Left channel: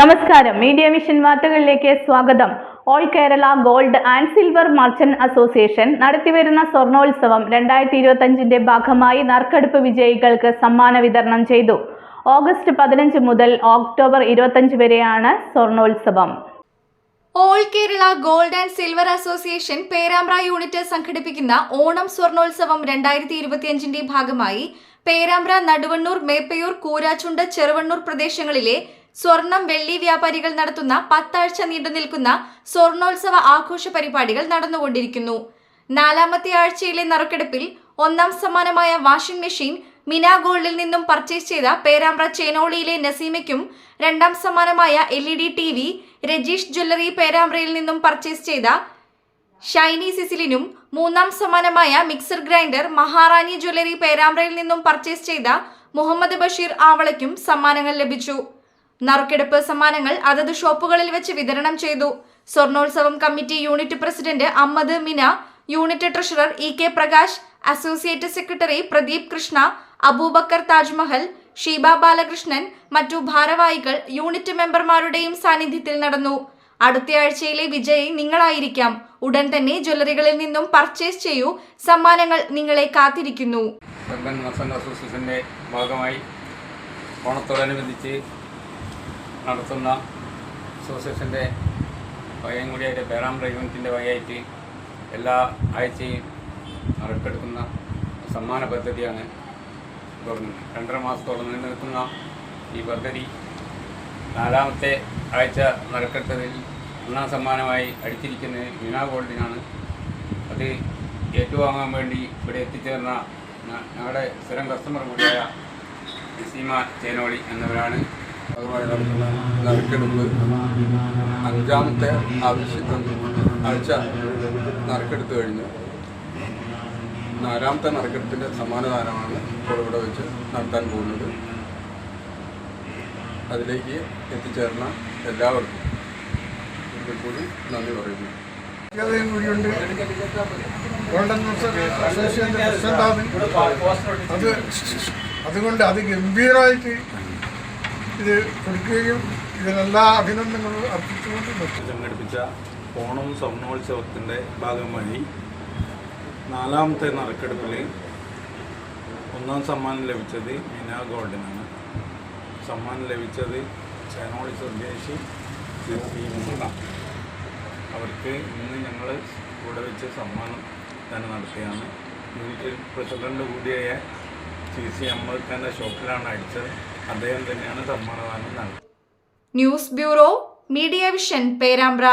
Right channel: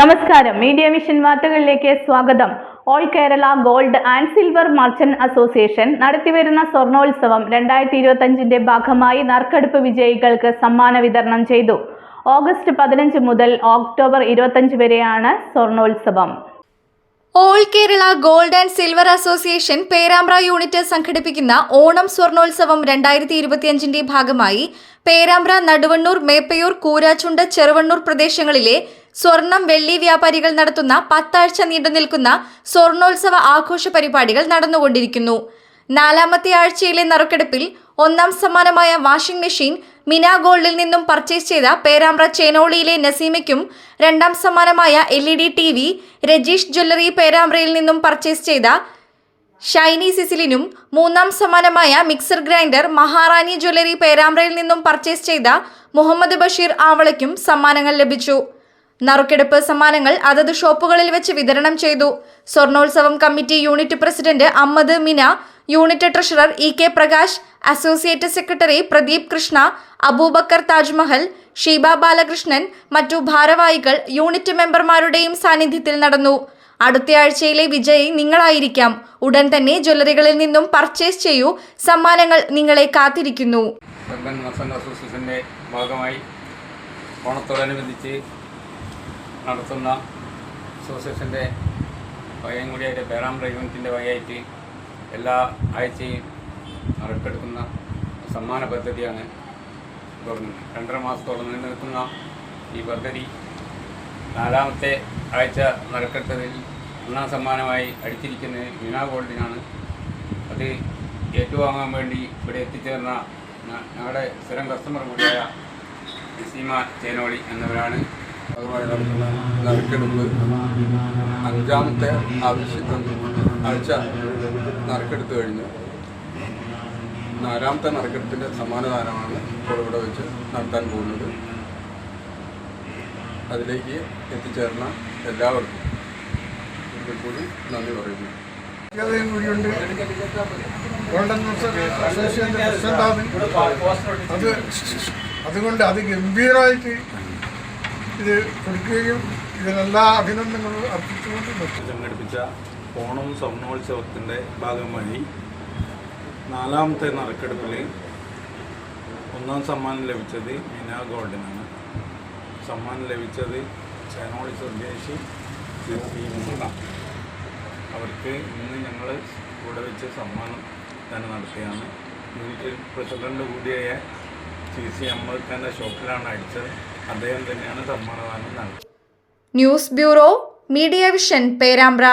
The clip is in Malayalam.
നമസ്കാരം. മീഡിയ വിഷൻ വാർത്തകളിലേക്ക് സ്വാഗതം. All Kerala gold and silver merchant association നടത്തിവരുന്ന സ്വർണോത്സവം 2025ന്റെ ഭാഗമായി നറുക്കെടുപ്പ് വിജയികൾക്ക് സമ്മാന വിതരണം ചെയ്തു. ഓഗസ്റ്റ് 15 മുതൽ ഒക്ടോബർ 25 വരെയാണ് സ്വർണോത്സവം. All Kerala gold and silver association Perambra unit സംഘടിപ്പിക്കുന്ന ഓണം സ്വർണോത്സവം 2025ന്റെ ഭാഗമായി പേരാമ്പ്ര, നടുവണ്ണൂർ, മേപ്പയൂർ, കൂരാച്ചുണ്ട്, ചെറുവണ്ണൂർ പ്രദേശങ്ങളിലെ സ്വർണം, വെള്ളി വ്യാപാരികൾ നടത്തുന്ന 10 ആഴ്ച നീണ്ടുനിൽക്കുന്ന സ്വർണോത്സവ ആഘോഷ പരിപാടികൾ നടന്നുകൊണ്ടിരിക്കുന്നു. 4ാമത്തെ ആഴ്ചയിലെ നറുക്കെടുപ്പിൽ 1ാം സമ്മാനമായ വാഷിംഗ് മെഷീൻ മിന ഗോൾഡിൽ നിന്നും പർച്ചേസ് ചെയ്ത പേരാമ്പ്ര ചേനോളിയിലെ നസീമയ്ക്കും, 2ാം സമ്മാനമായ LED TV രജീഷ് ജ്വല്ലറി പേരാമ്പ്രയിൽ നിന്നും പർച്ചേസ് ചെയ്ത ഷൈനി സിസിലിനും, 3ാം സമ്മാനമായ മിക്സർ ഗ്രൈൻഡർ മഹാറാണി ജ്വല്ലറി പേരാമ്പ്രയിൽ നിന്നും പർച്ചേസ് ചെയ്ത മുഹമ്മദ് ബഷീർ ആവളയ്ക്കും സമ്മാനങ്ങൾ ലഭിച്ചു. നറുക്കെടുപ്പ് സമ്മാനങ്ങൾ അതത് ഷോപ്പുകളിൽ വെച്ച് വിതരണം ചെയ്തു. സ്വർണോത്സവം committee unit president Ahammed Mina, unit treasurer EK Prakash, associate secretary Pradeep Krishna, Abubakar Tajmahal, Sheeba Balakrishnan, മറ്റു ഭാരവാഹികൾ യൂണിറ്റ് മെമ്പർമാരുടെയും സാന്നിധ്യത്തിൽ നടന്നു. അടുത്തയാഴ്ചയിലെ വിജയി നിങ്ങളായിരിക്കാം. ഉടൻ തന്നെ ജ്വല്ലറികളിൽ നിന്നും പർച്ചേസ് ചെയ്യൂ. സമ്മാനങ്ങൾ നിങ്ങളെ കാത്തിരിക്കുന്നു. അസോസിയേഷന്റെ ഭാഗമായി ഓണത്തോടനുബന്ധിച്ച് നടത്തുന്ന അസോസിയേഷൻ്റെ വകയും കൂടിയായിട്ട് പേരാമ്പ്ര യൂണിറ്റിൻ്റെ വകയായിട്ട് എല്ലാ ആഴ്ചയും നറുക്കെടുക്കുന്ന സമ്മാന പദ്ധതിയാണ് തുടങ്ങുന്നത്. 2.5 മാസത്തോളം നിലനിൽക്കുന്ന ഈ പദ്ധതി 4ാമത്തെ ആഴ്ച നറുക്കെടുത്തതിൽ 1ാം സമ്മാനമായി അടിച്ചിരിക്കുന്നത് മിന ഗോൾഡിനാണ്. അത് ഏറ്റുവാങ്ങാൻ വേണ്ടി ഇവിടെ എത്തിച്ചേർന്ന ഞങ്ങളുടെ സ്ഥിരം കസ്റ്റമർ കൂടിയായ നസീമ ചേനോളി എന്നിവരാണ്. അതുമായി നടത്തുന്ന നറുക്കെടുപ്പ് 5ാമത്തെ ആഴ്ച നറുക്കെടുത്ത് കഴിഞ്ഞു. 4ാമത്തെ നറുക്കെടുപ്പിൻ്റെ സമ്മാനദാനമാണ് ഇപ്പോൾ ഇവിടെ വെച്ച് നടത്താൻ പോകുന്നത്. അതിലേക്ക് എത്തിച്ചേർന്ന എല്ലാവർക്കും ഒരിക്കൽ കൂടി നന്ദി പറയുന്നു. അതുകൊണ്ട് അത് ഗംഭീരമായിട്ട് ഇത് കൊടുക്കുകയും ഇതിനെല്ലാ അഭിനന്ദനങ്ങളും അർപ്പിച്ചുകൊണ്ട് സംഘടിപ്പിച്ച ഓണം സ്വർണോത്സവത്തിൻ്റെ ഭാഗമായി 4ാമത്തെ നറുക്കെടുപ്പിൽ 1ാം സമ്മാനം ലഭിച്ചത് മിന ഗോൾഡിനാണ്. സമ്മാനം ലഭിച്ചത് ചേനോളി സ്വദേശി അവർക്ക് ഇന്ന് ഞങ്ങൾ ഇവിടെ വെച്ച് സമ്മാനം തന്നെ നടത്തിയാണ്. യൂണിറ്റ് പ്രസിഡന്റ് കൂടിയായ CC അഹമ്മദ് ഖാൻ്റെ ഷോപ്പിലാണ് അടിച്ചത്. അദ്ദേഹം തന്നെയാണ് സമ്മാനദാനം നടത്തിയത്. News bureau, media vision, Perambra.